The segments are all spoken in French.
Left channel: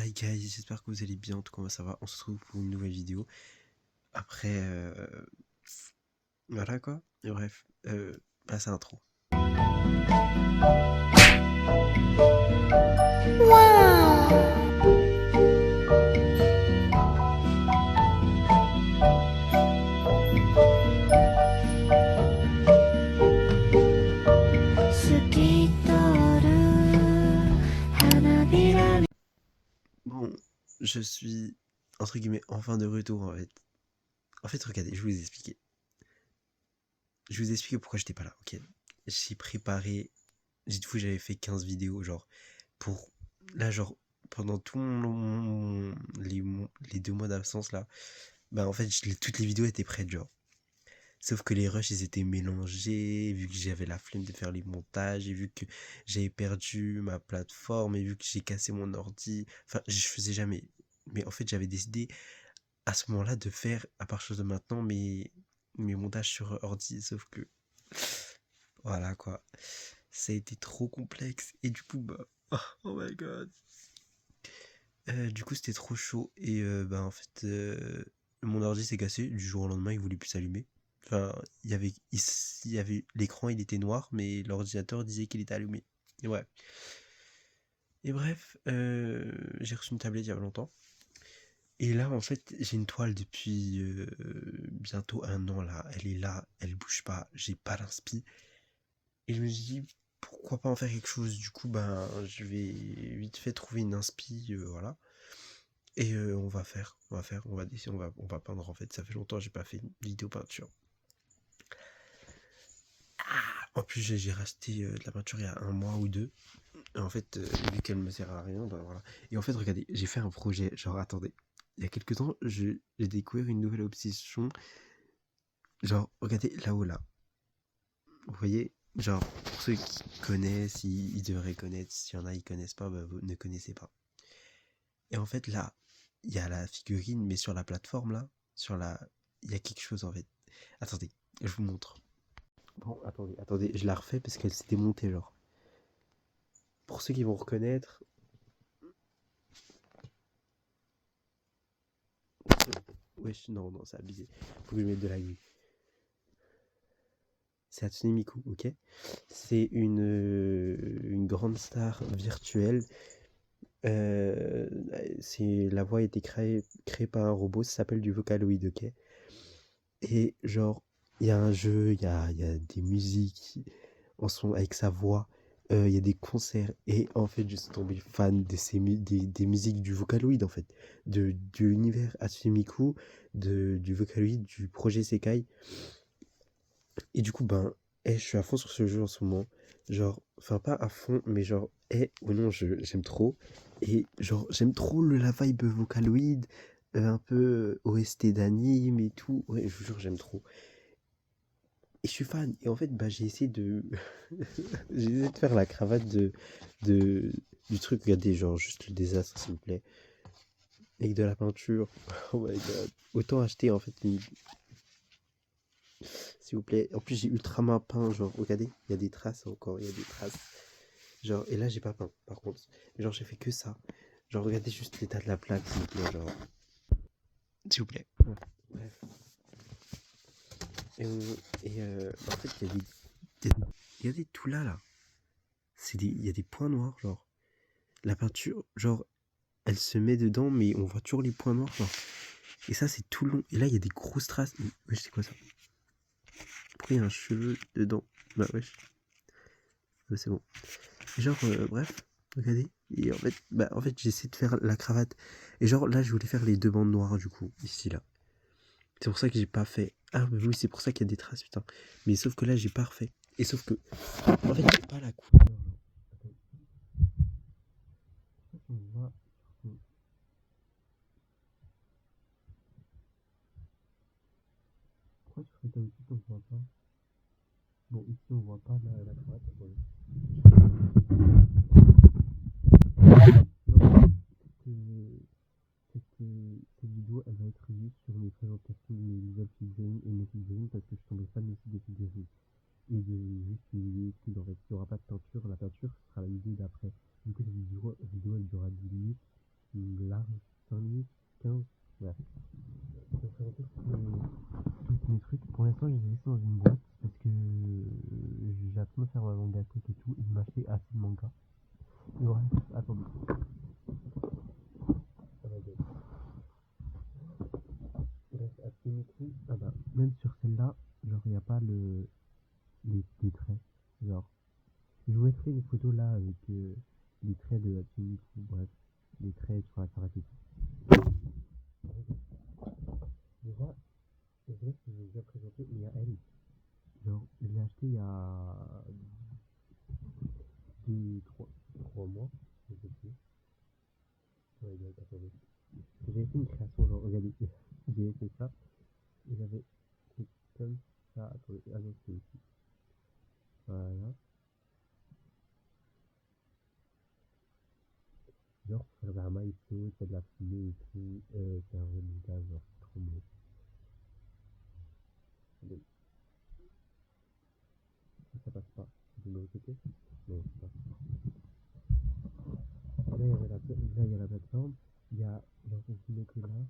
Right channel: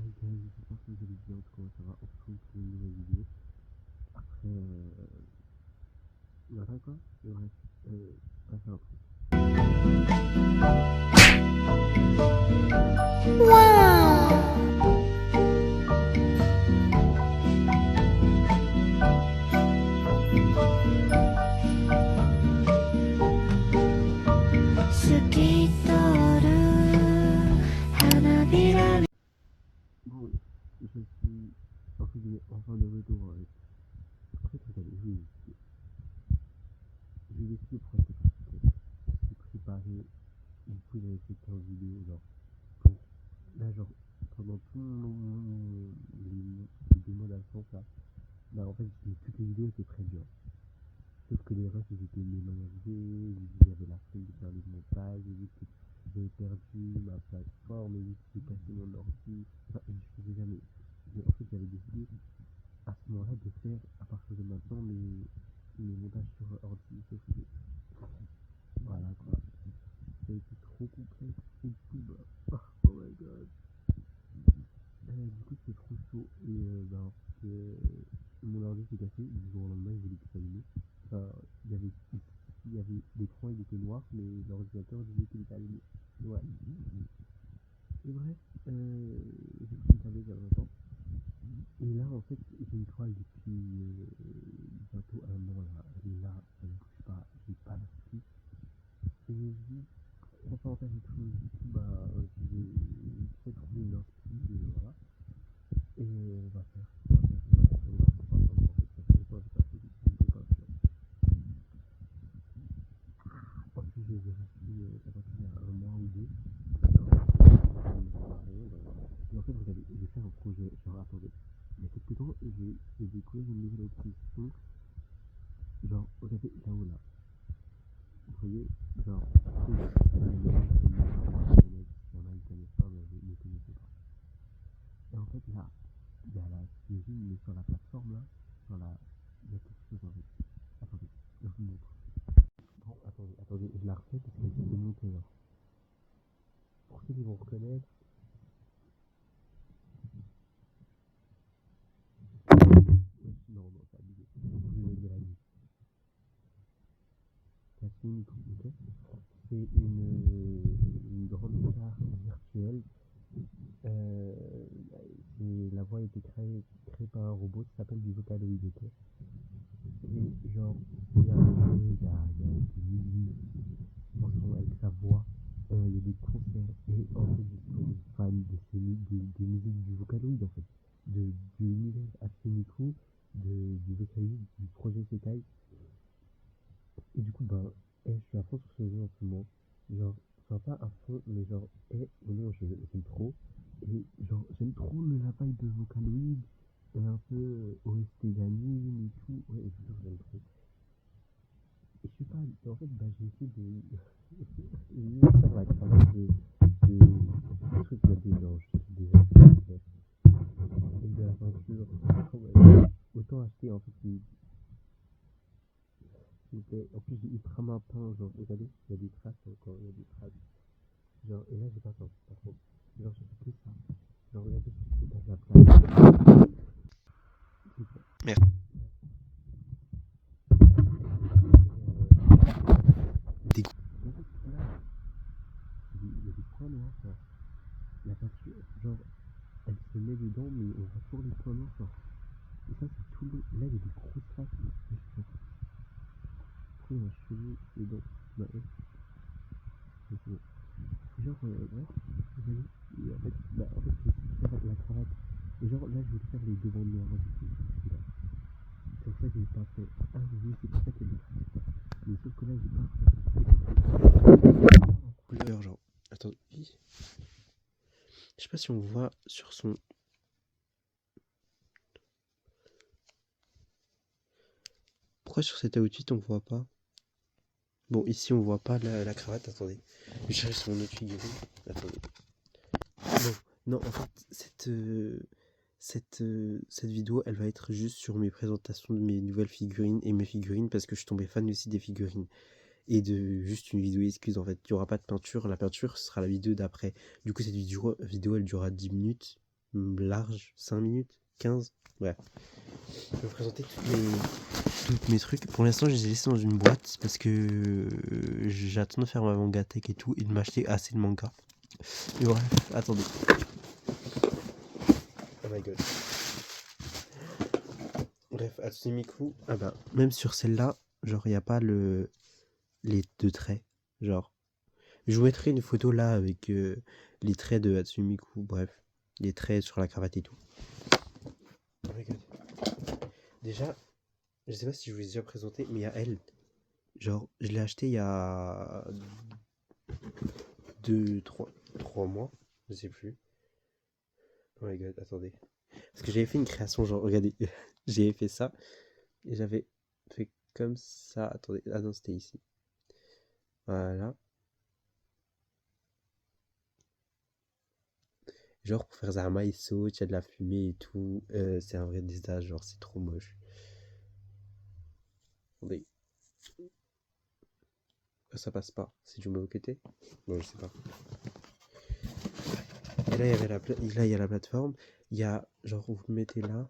Hi guys, j'espère que vous allez bien, en tout cas moi ça va, on se retrouve pour une nouvelle vidéo. Après, voilà quoi, et bref, passe à l'intro. Bon, je suis, entre guillemets, enfin de retour en fait. En fait, regardez, je vais vous expliquer. Je vais vous expliquer pourquoi j'étais pas là, ok. J'ai préparé, dites-vous j'avais fait 15 vidéos, genre, pour, là genre, pendant tout les 2 mois d'absence là, bah en fait, toutes les vidéos étaient prêtes, genre. Sauf que les rushs, ils étaient mélangés, vu que j'avais la flemme de faire les montages, et vu que j'avais perdu ma plateforme, et vu que j'ai cassé mon ordi. Enfin, je faisais jamais. Mais en fait, j'avais décidé à ce moment-là de faire, à partir de maintenant, mes montages sur ordi. Sauf que, voilà quoi. Ça a été trop complexe. Et du coup, bah, oh my god. Du coup, c'était trop chaud. Et bah, en fait, mon ordi s'est cassé. Du jour au lendemain, il voulait plus s'allumer. Enfin, il y avait l'écran, il était noir, mais l'ordinateur disait qu'il était allumé. Et ouais. Et bref, j'ai reçu une tablette il y a longtemps. Et là, en fait, j'ai une toile depuis bientôt 1 an là. Elle est là, elle bouge pas. J'ai pas l'inspi. Et je me suis dit, pourquoi pas en faire quelque chose. Du coup, ben, je vais vite fait trouver une inspi, voilà. Et on va peindre en fait. Ça fait longtemps que j'ai pas fait une vidéo peinture. En plus, j'ai racheté de la peinture il y a 1 mois ou 2. Et en fait, vu qu'elle me sert à rien, bah voilà. Et en fait, regardez, j'ai fait un projet. Genre, attendez. Il y a quelques temps, j'ai découvert une nouvelle obsession. Genre, regardez là-haut là. Vous voyez, genre, pour ceux qui connaissent, ils devraient connaître. S'il y en a, ils connaissent pas, bah vous ne connaissez pas. Et en fait, là, il y a la figurine, mais sur la plateforme là, il y a quelque chose en fait. Attendez, je vous montre. Bon, attendez, je la refais parce qu'elle s'est démontée, genre. Pour ceux qui vont reconnaître. Wesh, non, non, c'est abusé. Faut que je mette de la grille. C'est Hatsune Miku, ok. C'est une grande star virtuelle. Euh, la voix a été créée par un robot, ça s'appelle du Vocaloid, ok. Et genre, il y a un jeu, il y a des musiques en son, avec sa voix, il y a des concerts. Et en fait, je suis tombé fan des musiques du Vocaloid, en fait. De l'univers Hatsune Miku, du Vocaloid, du projet Sekai. Et du coup, ben, je suis à fond sur ce jeu en ce moment. Genre, enfin, pas à fond, mais genre, ou non, j'aime trop. Et genre, j'aime trop la vibe Vocaloid, un peu OST d'anime et tout. Ouais, je vous jure, j'aime trop. Et je suis fan. Et en fait, bah, j'ai essayé de. J'ai essayé de faire la cravate de- du truc. Regardez, genre, juste le désastre, s'il vous plaît. Avec de la peinture. Oh my God. Autant acheter, en fait, s'il vous plaît. En plus, j'ai ultra mal peint. Genre, regardez, il y a des traces encore. Il y a des traces. Genre, et là, j'ai pas peint, par contre. Genre, j'ai fait que ça. Genre, regardez juste l'état de la plate. S'il vous plaît. Merci. Bref. Et, il y a des. Regardez tout là, là. Il y a des points noirs, genre. La peinture, genre, elle se met dedans, mais on voit toujours les points noirs, genre. Et ça, c'est tout le long. Et là, il y a des grosses traces. Wesh, c'est quoi ça? Pourquoi il y a un cheveu dedans? Bah, wesh. Bah, c'est bon. Et genre, bref, regardez. Et en fait j'essaie de faire la cravate. Et genre, là, je voulais faire les 2 bandes noires, du coup, ici, là. C'est pour ça que j'ai pas fait. Ah, mais oui, c'est pour ça qu'il y a des traces, putain. Mais sauf que là, j'ai pas refait. Et sauf que. En fait, j'ai pas la couleur, genre. Attends. Je sais pas si on voit sur son. Pourquoi sur cet outfit on voit pas? Bon, ici on voit pas la cravate, attendez. Je cherche sur mon autre figurine. Non, en fait, cette vidéo, elle va être juste sur mes présentations de mes nouvelles figurines et mes figurines parce que je suis tombé fan aussi des figurines. Et de juste une vidéo excuse en fait. Il n'y aura pas de peinture, la peinture sera la vidéo d'après. Du coup, cette vidéo elle durera 10 minutes. large, 5 minutes, 15. Bref. Je vais vous présenter toutes mes trucs. Pour l'instant, je les ai laissés dans une boîte parce que j'attends de faire ma mangatech et tout et de m'acheter assez de mangas. Mais bref, attendez. Oh my god. Bref, Hatsune Miku, ah bah, même sur celle-là, genre, il n'y a pas les deux traits. Genre, je vous mettrai une photo là avec les traits de Hatsune Miku, bref, les traits sur la cravate et tout. Oh my god. Déjà, je sais pas si je vous ai déjà présenté, mais il y a elle. Genre, je l'ai acheté il y a 3 mois, je sais plus. Oh my god, attendez. Parce que j'avais fait une création, genre, regardez, j'avais fait ça, et j'avais fait comme ça. Attendez, ah non, c'était ici. Voilà. Genre, pour faire Zarma, il saute, il y a de la fumée et tout. C'est un vrai désastre, genre, c'est trop moche. Attendez. Ça passe pas. C'est du mauvais côté? Bon, je sais pas. Et là, il y a la plateforme. Il y a, genre, vous le mettez là.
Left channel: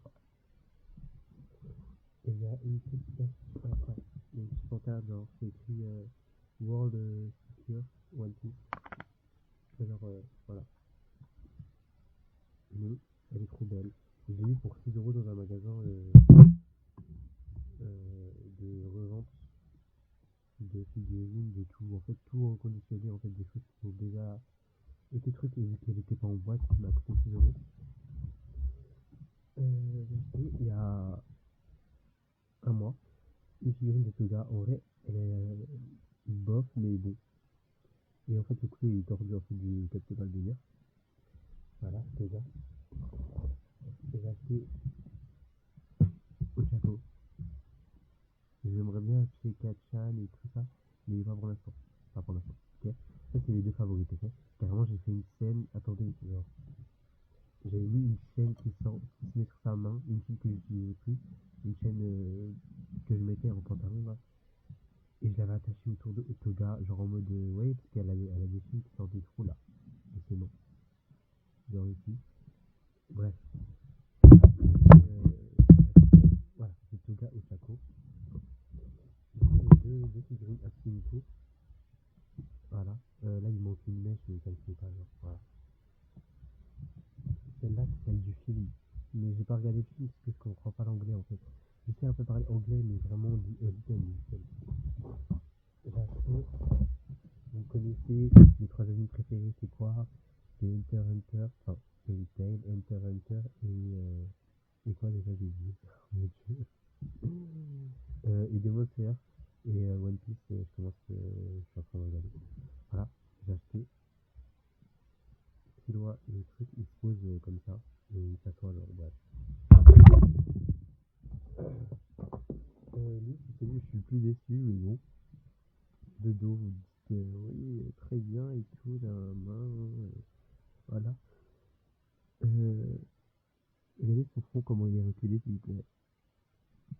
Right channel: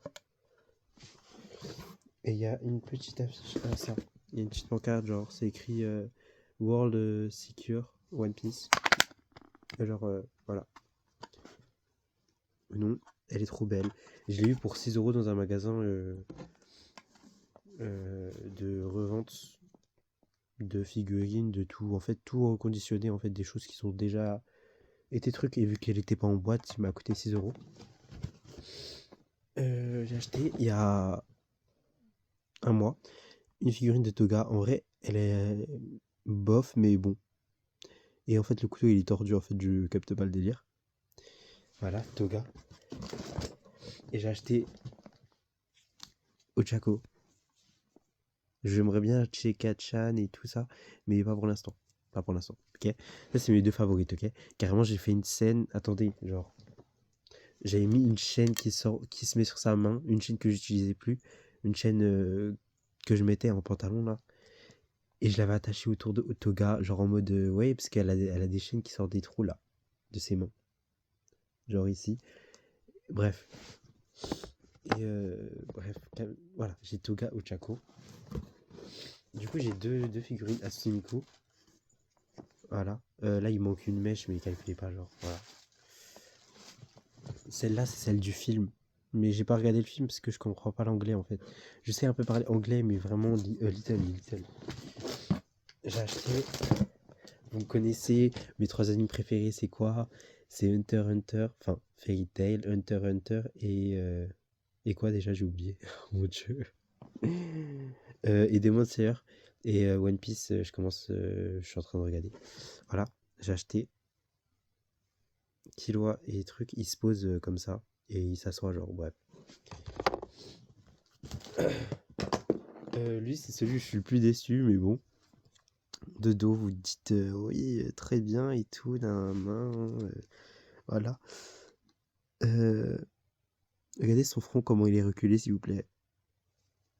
Et il y a une petite affiche. Ah, ça. Il y a une petite pancarte, genre, c'est écrit World Secure One Piece. Et genre, voilà. Non, elle est trop belle. Je l'ai eu pour 6 € dans un magasin de revente de figurines, de tout. En fait, tout reconditionné, en fait, des choses qui sont déjà été trucs. Et vu qu'elle était pas en boîte, il m'a coûté 6 €. J'ai acheté il y a un mois une figurine de Toga. En vrai, elle est bof, mais bon. Et en fait, le couteau il est tordu. En fait, je capte pas le délire. Voilà, Toga. Et j'ai acheté Ochako. J'aimerais bien acheter Kachan et tout ça, mais pas pour l'instant. Pas pour l'instant. Ok. Ça, c'est mes deux favorites. Ok. Carrément, j'ai fait une scène. Attendez, genre. J'avais mis une chaîne qui se met sur sa main, une chaîne que j'utilisais plus, une chaîne que je mettais en pantalon là. Et je l'avais attachée autour de Toga, genre en mode ouais, parce elle a des chaînes qui sortent des trous là, de ses mains. Genre ici. Bref. Et bref, voilà, j'ai Toga Ochako. Du coup, j'ai deux figurines Hatsune Miku. Voilà. Là, il manque une mèche, mais il calculait pas, genre. Voilà. Celle-là, c'est celle du film. Mais j'ai pas regardé le film parce que je comprends pas l'anglais en fait. Je sais un peu parler anglais, mais vraiment little. J'ai acheté. Vous me connaissez, mes 3 animes préférés, c'est quoi? C'est Hunter x Hunter, enfin Fairy Tail, Hunter x Hunter et quoi déjà, j'ai oublié. Mon dieu. Et Demon Slayer et One Piece, je suis en train de regarder. Voilà, j'ai acheté Killua et trucs, il se pose comme ça et il s'assoit genre bref. Lui c'est celui où je suis le plus déçu, mais bon. De dos vous dites oui très bien et tout d'un main voilà. Regardez son front comment il est reculé s'il vous plaît.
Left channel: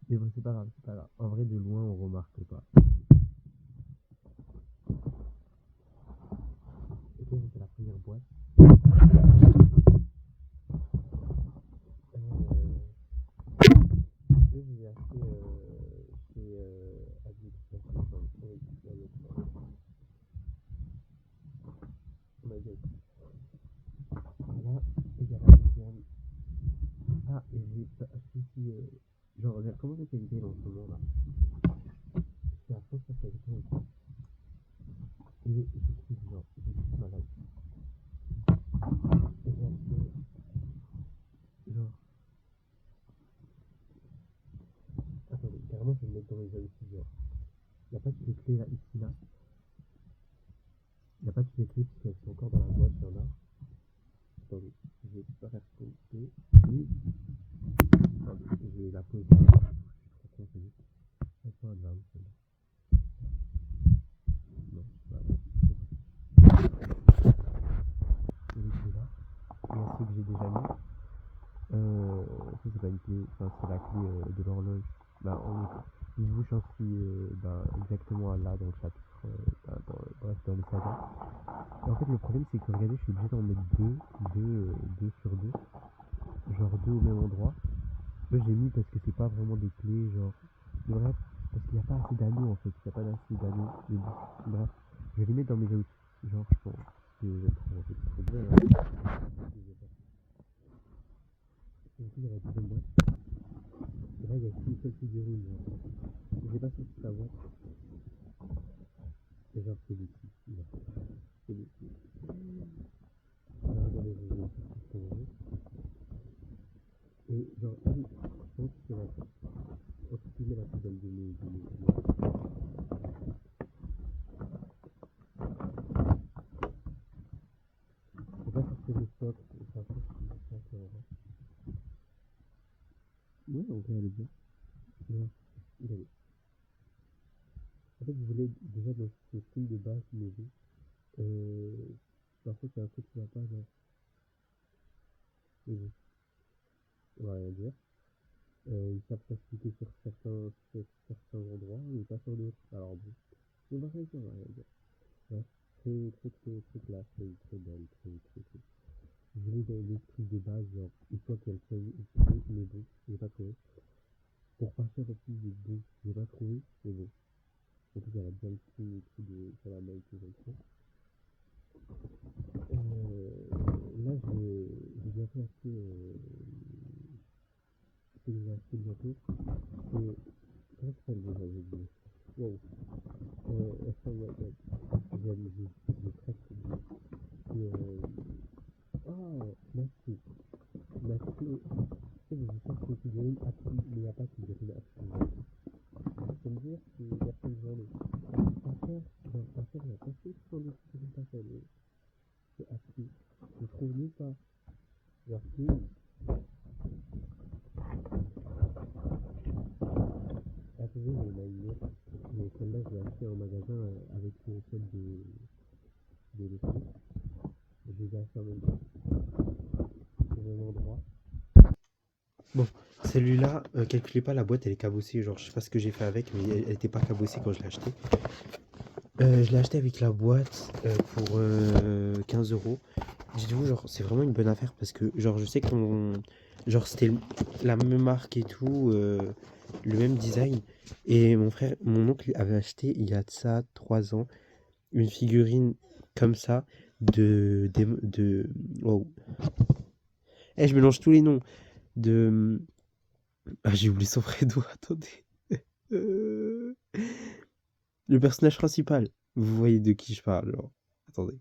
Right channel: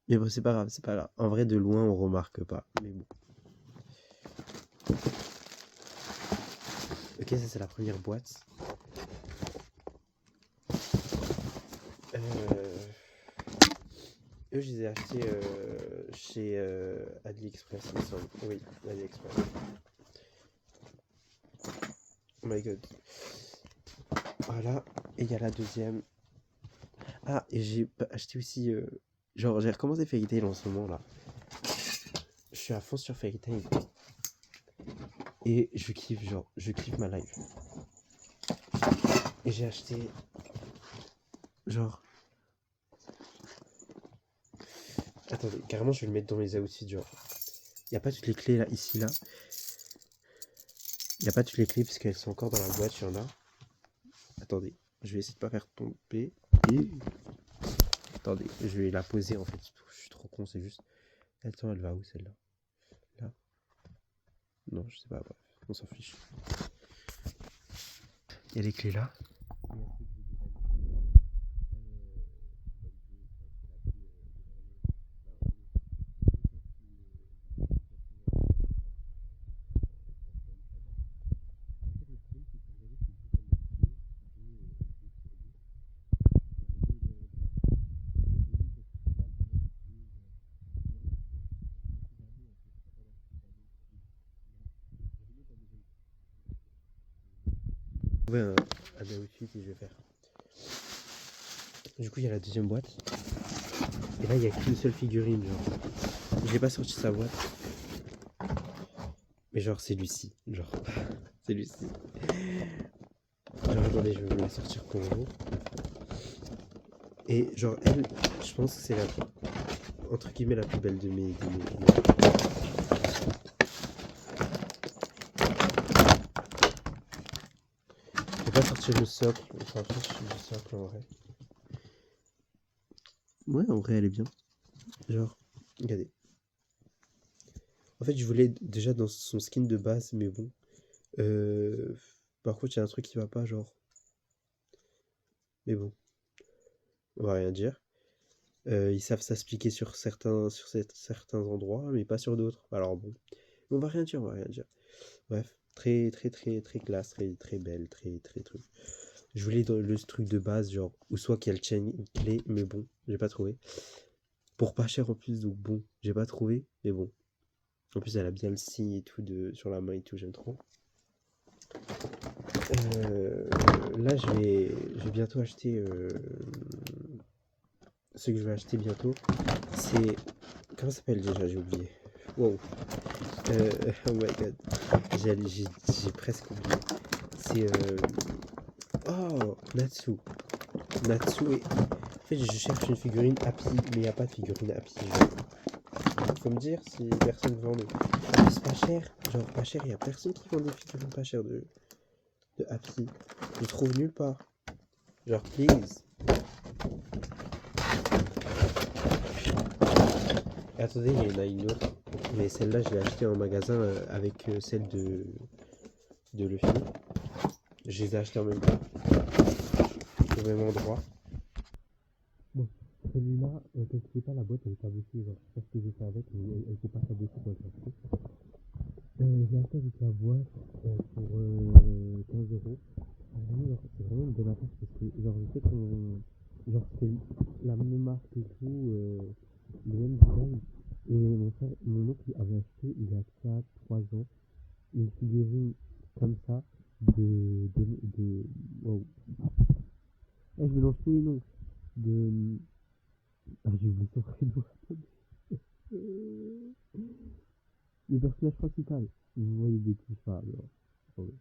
Mais bon c'est pas grave, c'est pas grave. En vrai de loin on remarque pas. Mais bon. Ok, ça c'est la première boîte. Eux, je les ai achetés chez AliExpress, il me semble. Oui, AliExpress. Oh my god. Voilà, et il y a la deuxième. Ah, et j'ai acheté aussi. Genre, j'ai recommencé Fairy Tail en ce moment là. Je suis à fond sur Fairy Tail. Et je kiffe, genre, je kiffe ma life. Et j'ai acheté. Genre. Attendez, carrément, je vais le mettre dans mes outfits, genre. Il n'y a pas toutes les clés là, ici, là. Il n'y a pas toutes les clés parce qu'elles sont encore dans la boîte, il y en a. Attendez, je vais essayer de pas faire tomber. Et... Attendez, je vais la poser en fait. Je suis trop con, c'est juste. Attends, elle va où celle-là? Là? Non, je sais pas, bref, on s'en fiche. Il y a les clés là. Il y a ceux que j'ai déjà mis. Ça, c'est pas une clé, enfin, c'est la clé de l'horloge. Bah, il bouge ainsi exactement là dans le chapitre. Bref, dans les sagas. Et en fait, le problème, c'est que regardez, je suis obligé d'en mettre deux sur deux. Moi j'ai mis parce que c'est pas vraiment des clés, genre. Bref, parce qu'il n'y a pas assez d'anneaux en fait, il n'y a pas assez d'anneaux. Mais bon, bref, je vais les mettre dans mes outfits. Genre, je pense que je vais prendre en fait. Ouais, un outfit et je vais faire. Du coup, il y a la deuxième boîte. Et là, il n'y a qu'une seule figurine, genre. Je n'ai pas sorti sa boîte. Mais genre, c'est Lucie. Genre, c'est Lucie. Genre, attendez, je vais vous la sortir pour vous. Et genre, elle, je pense que c'est la, entre guillemets, la plus belle de mes. Je vais pas sortir le socle. On s'en fiche du socle en vrai. Ouais, en vrai, elle est bien. Genre, regardez. En fait, je voulais déjà dans son skin de base, mais bon. Par contre, il y a un truc qui va pas, genre. Mais bon, on va rien dire. Ils savent s'expliquer sur certains endroits, mais pas sur d'autres. Alors bon, on va rien dire, on va rien dire. Bref, très très très très classe, très très belle, très très truc. Je voulais dans le truc de base, genre, ou soit qu'elle tienne une clé, mais bon, j'ai pas trouvé. Pour pas cher en plus, donc bon, j'ai pas trouvé, mais bon. En plus, elle a bien le signe et tout sur la main et tout, j'aime trop. Là, je vais bientôt acheter. Ce que je vais acheter bientôt, c'est. Comment ça s'appelle déjà? J'ai oublié. Wow. Oh my god. J'ai presque oublié. C'est. Oh, Natsu. Natsu et. En fait, je cherche une figurine Happy, mais il n'y a pas de figurine Happy. Faut me dire si personne vend. C'est pas cher. Genre, pas cher. Il n'y a personne qui vend des figurines pas chères de Happy. Je trouve nulle part. Genre, please. Et attendez, il y en a une autre. Mais celle-là, je l'ai achetée en magasin avec celle de Luffy. Je les ai achetées en même temps. Au même endroit. Bon, celui-là, calculez pas, la boîte elle est cabossée. Genre, je sais pas ce que j'ai fait avec, mais elle était pas cabossée quand je l'ai acheté. Je l'ai acheté avec la boîte pour 15 euros. Dites-vous, genre, c'est vraiment une bonne affaire parce que, genre, je sais qu'on. Genre, c'était la même marque et tout, le même design. Et mon oncle avait acheté il y a de ça 3 ans une figurine comme ça de wow. Je mélange tous les noms de j'ai oublié son vrai nom, attendez. Euh, le personnage principal, vous voyez de qui je parle, genre. Attendez.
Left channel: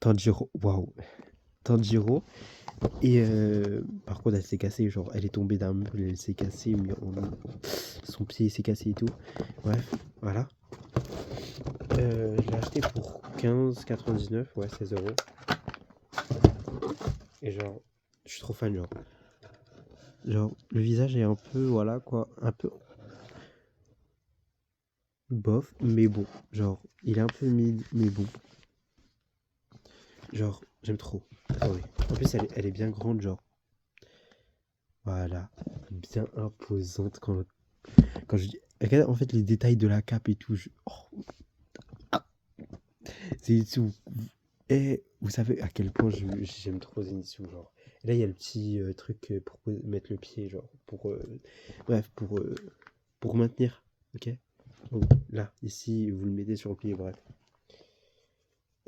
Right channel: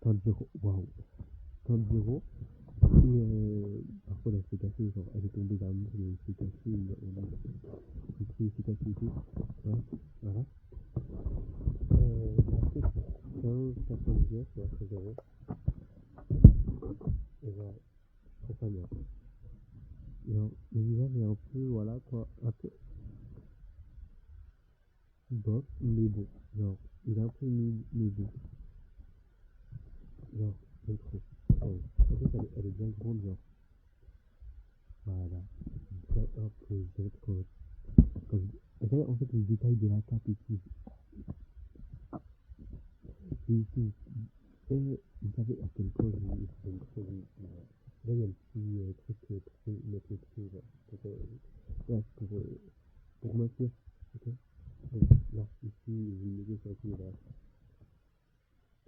Tanjiro, waouh. Tanjiro. Et par contre, elle s'est cassée, genre, elle est tombée d'un meuble, elle s'est cassée, mais son pied s'est cassé et tout. Bref, voilà. Je l'ai acheté pour 15,99, ouais, 16 euros. Et genre, je suis trop fan, genre. Genre, le visage est un peu, voilà quoi, un peu bof, mais bon. Genre, il est un peu mid, mais bon. Genre, j'aime trop. Ah ouais. En plus, elle est bien grande, genre. Voilà. Bien imposante quand je dis. Regarde, en fait, les détails de la cape et tout. Oh, Zenitsu. Et vous savez à quel point j'aime trop Zenitsu, genre. Et là, il y a le petit truc pour mettre le pied, genre. Bref, pour maintenir. Ok. Donc, là, ici, vous le mettez sur le pied, bref.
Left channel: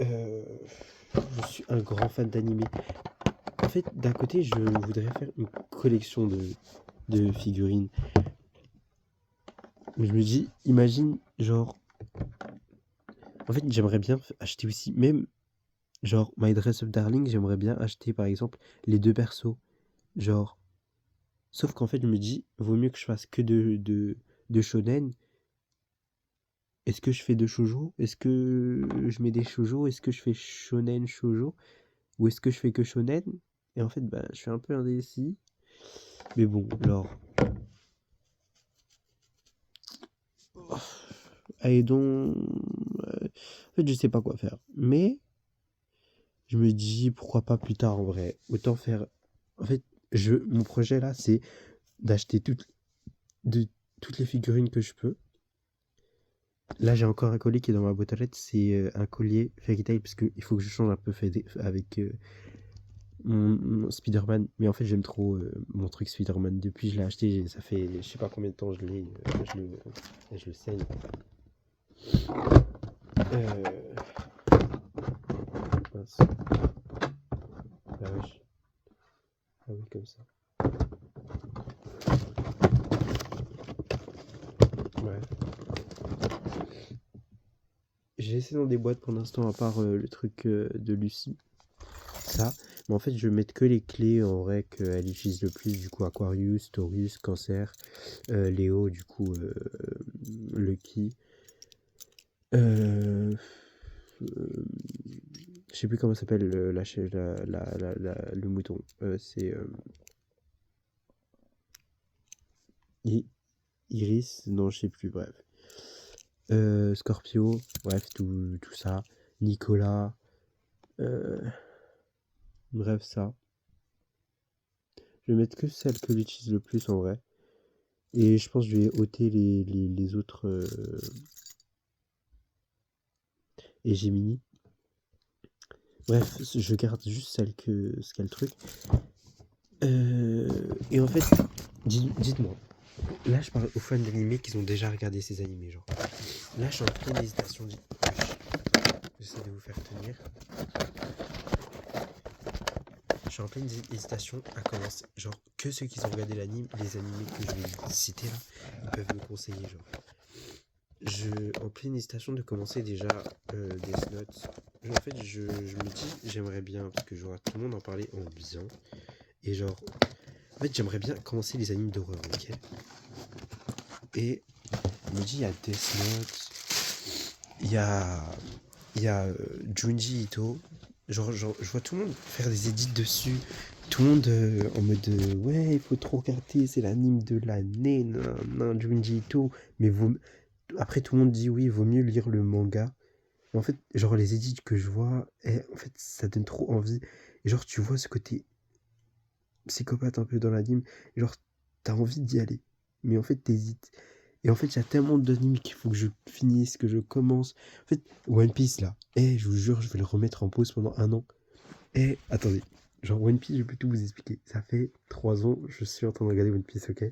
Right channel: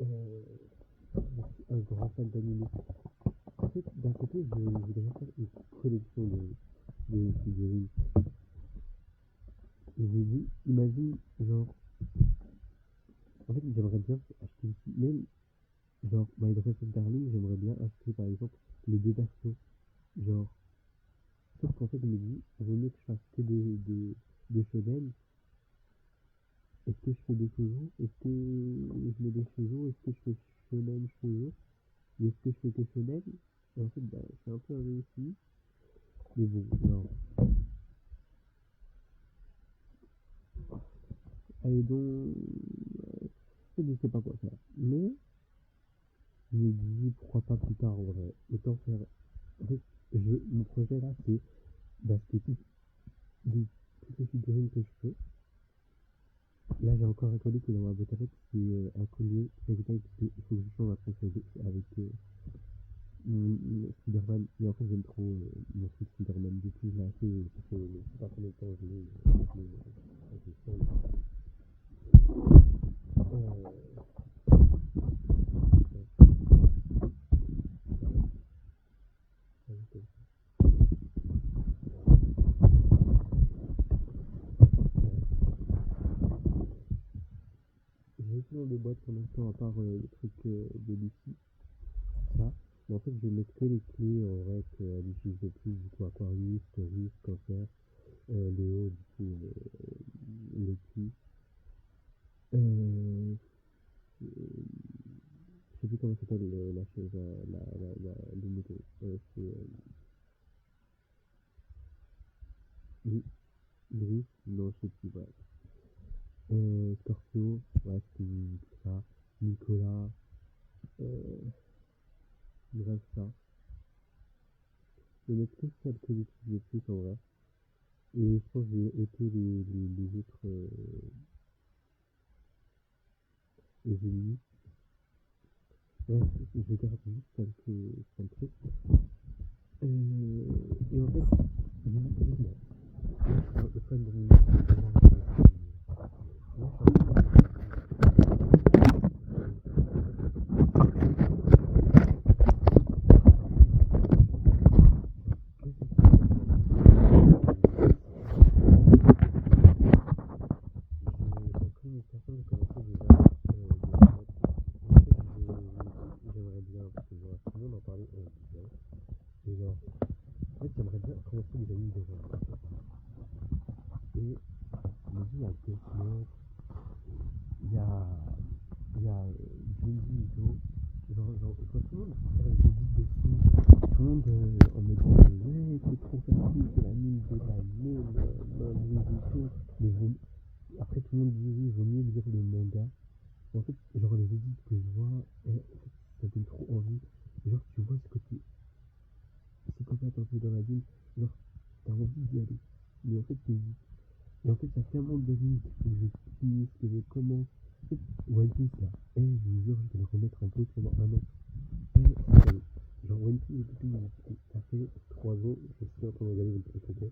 Je suis un grand fan d'anime. En fait, d'un côté, je voudrais faire une collection de figurines. Mais je me dis, imagine, genre. En fait, j'aimerais bien acheter aussi, même, genre, My Dress Up Darling, j'aimerais bien acheter, par exemple, les deux persos. Genre. Sauf qu'en fait, je me dis, vaut mieux que je fasse que de shonen. Est-ce que je fais de shoujo? Est-ce que je mets des shoujo? Est-ce que je fais shonen shoujo? Ou est-ce que je fais que shonen? Et en fait, bah, je suis un peu indécis. Mais bon, alors. Allez donc. En fait, je sais pas quoi faire. Mais je me dis pourquoi pas plus tard en vrai. Autant faire. En fait, mon projet là, c'est d'acheter toutes les figurines que je peux. Là, j'ai encore un collier qui est dans ma boîte à lettres. C'est un collier Fairy Tail parce qu'il faut que je change un peu avec mon Spider-Man. Mais en fait, j'aime trop mon truc Spider-Man. Depuis je l'ai acheté, ça fait je sais pas combien de temps je l'ai. Je le saigne. Euh, mince. La vache. Ah oui, comme ça. Ouais. J'ai laissé dans des boîtes pour l'instant, à part le truc de Lucie. Ça. Mais en fait, je vais mettre que les clés en vrai qu'elle utilise le plus. Du coup, Aquarius, Taurus, Cancer, Léo, du coup, Lucky. Euh, je sais plus comment s'appelle le mouton. C'est Iris, non, je sais plus, bref. Scorpio, bref, tout ça. Nicolas, euh, bref, ça. Je vais mettre que celle que j'utilise le plus en vrai. Et je pense que je vais ôter les autres et Gemini. Bref, je garde juste celle ce qu'a le truc. Et en fait, dites-moi, là je parle aux fans d'animés qui ont déjà regardé ces animés, genre. Là je suis en pleine hésitation. Ça va vous faire rire. Je suis en pleine hésitation à commencer. Genre, que ceux qui ont regardé l'anime, les animés que je vais citer, peuvent me conseiller. En pleine hésitation de commencer déjà Death Note. En fait, je me dis, j'aimerais bien, parce que je vois tout le monde en parler en bien. Et genre, en fait, j'aimerais bien commencer les animes d'horreur, ok. Et je me dis, il y a Death Note, il y a Junji Ito. Genre, je vois tout le monde faire des edits dessus. Tout le monde en mode ouais, il faut trop regarder, c'est l'anime de l'année, nan, Junji Ito. Mais après, tout le monde dit oui, il vaut mieux lire le manga. Mais en fait, genre, les edits que je vois, en fait, ça donne trop envie. Et genre, tu vois ce côté psychopathe un peu dans l'anime. Genre, t'as envie d'y aller. Mais en fait, t'hésites. Et en fait, il y a tellement d'animes qu'il faut que je finisse, que je commence. En fait, One Piece là, je vous jure, je vais le remettre en pause pendant un an. Attendez, genre One Piece, je peux tout vous expliquer. Ça fait 3 ans, je suis en train de regarder One Piece, ok.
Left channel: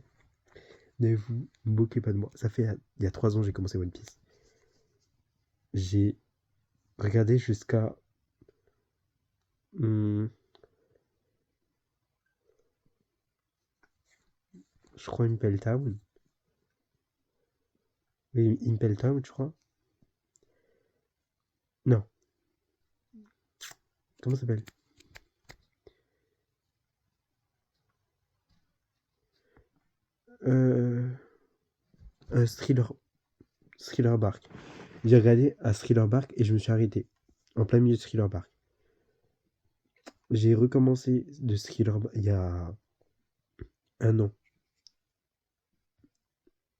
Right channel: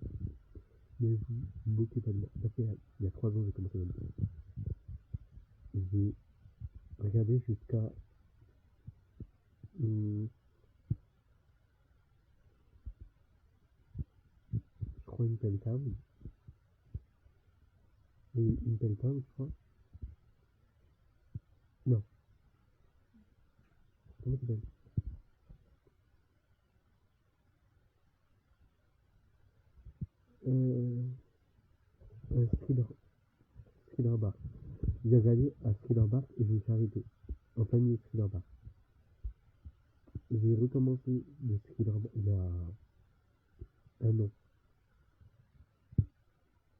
Ne vous moquez pas de moi. Ça fait il y a 3 ans que j'ai commencé One Piece. J'ai regardé jusqu'à. hmm, je crois Impel Town. Oui, Impel Town, je crois. Non, comment ça s'appelle? euh, Thriller Bark. J'ai regardé à Thriller Bark et je me suis arrêté. En plein milieu de Thriller Bark. J'ai recommencé de Thriller Bark il y a un an.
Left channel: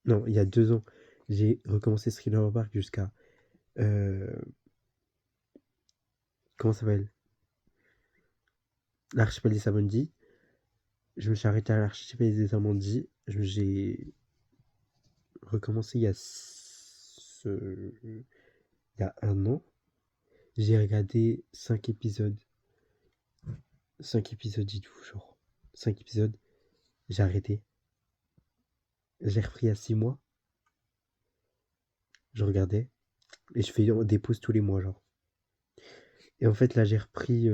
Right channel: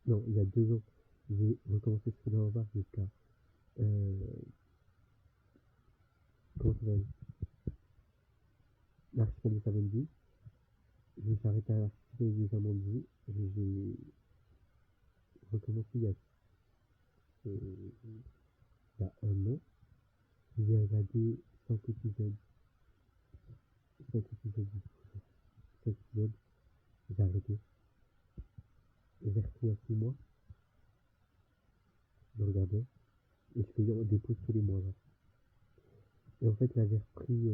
Non, il y a 2 ans. J'ai recommencé Thriller Bark jusqu'à. euh, comment ça s'appelle? L'archipel des Amandies. Je me suis arrêté à l'archipel des Amandies. J'ai recommencé il y a un an. J'ai regardé 5 épisodes. 5 épisodes, dites-vous, genre. 5 épisodes. J'ai arrêté. J'ai repris à 6 mois. Je regardais. Et je fais des pauses tous les mois, genre. Et en fait, là, j'ai repris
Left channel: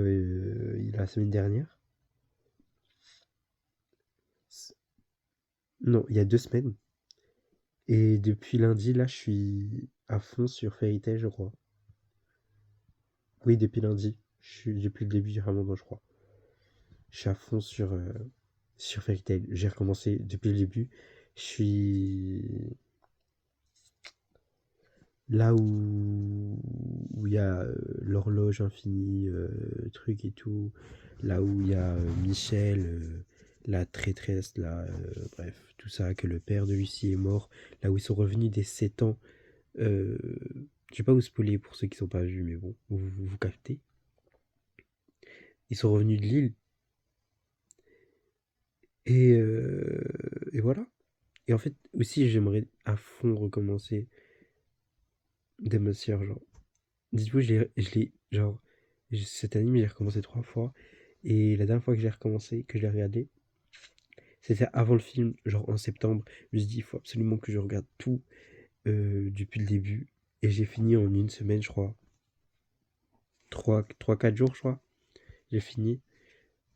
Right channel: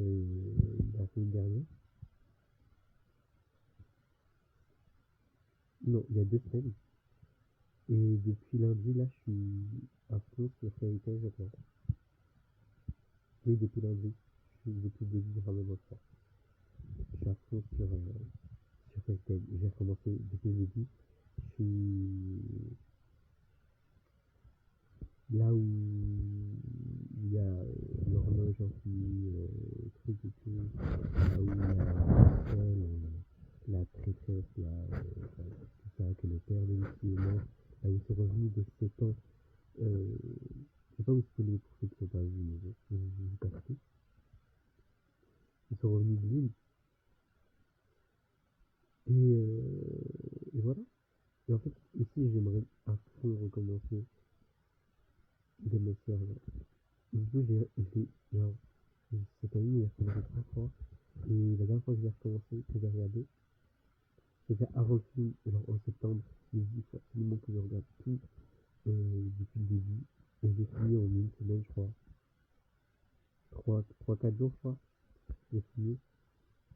la semaine dernière. Non, il y a 2 semaines. Et depuis lundi, là, je suis à fond sur Fairy Tail, je crois. Oui, depuis lundi. Je suis depuis le début du Ramadan, je crois. Je suis à fond sur Fairy Tail. J'ai recommencé depuis le début. Je suis là où il y a l'horloge infinie, truc et tout. Là où il y a Michel, la traîtresse, là, bref, tout ça, que le père de Lucie est mort. Là où ils sont revenus des 7 ans. Euh, je vais pas vous spoiler pour ceux qui sont pas vus, mais bon, vous captez. Ils sont revenus de l'île et voilà. Et en fait, aussi, j'aimerais à fond recommencer Demon Slayer, genre. Dites-vous, genre, cette année, j'ai recommencé 3 fois. Et la dernière fois que j'ai recommencé, que je l'ai regardé, c'était avant le film, genre en septembre. Je me suis dit, il faut absolument que je regarde tout depuis le début. Et j'ai fini en une semaine, je crois. 3 4 jours, je crois. J'ai fini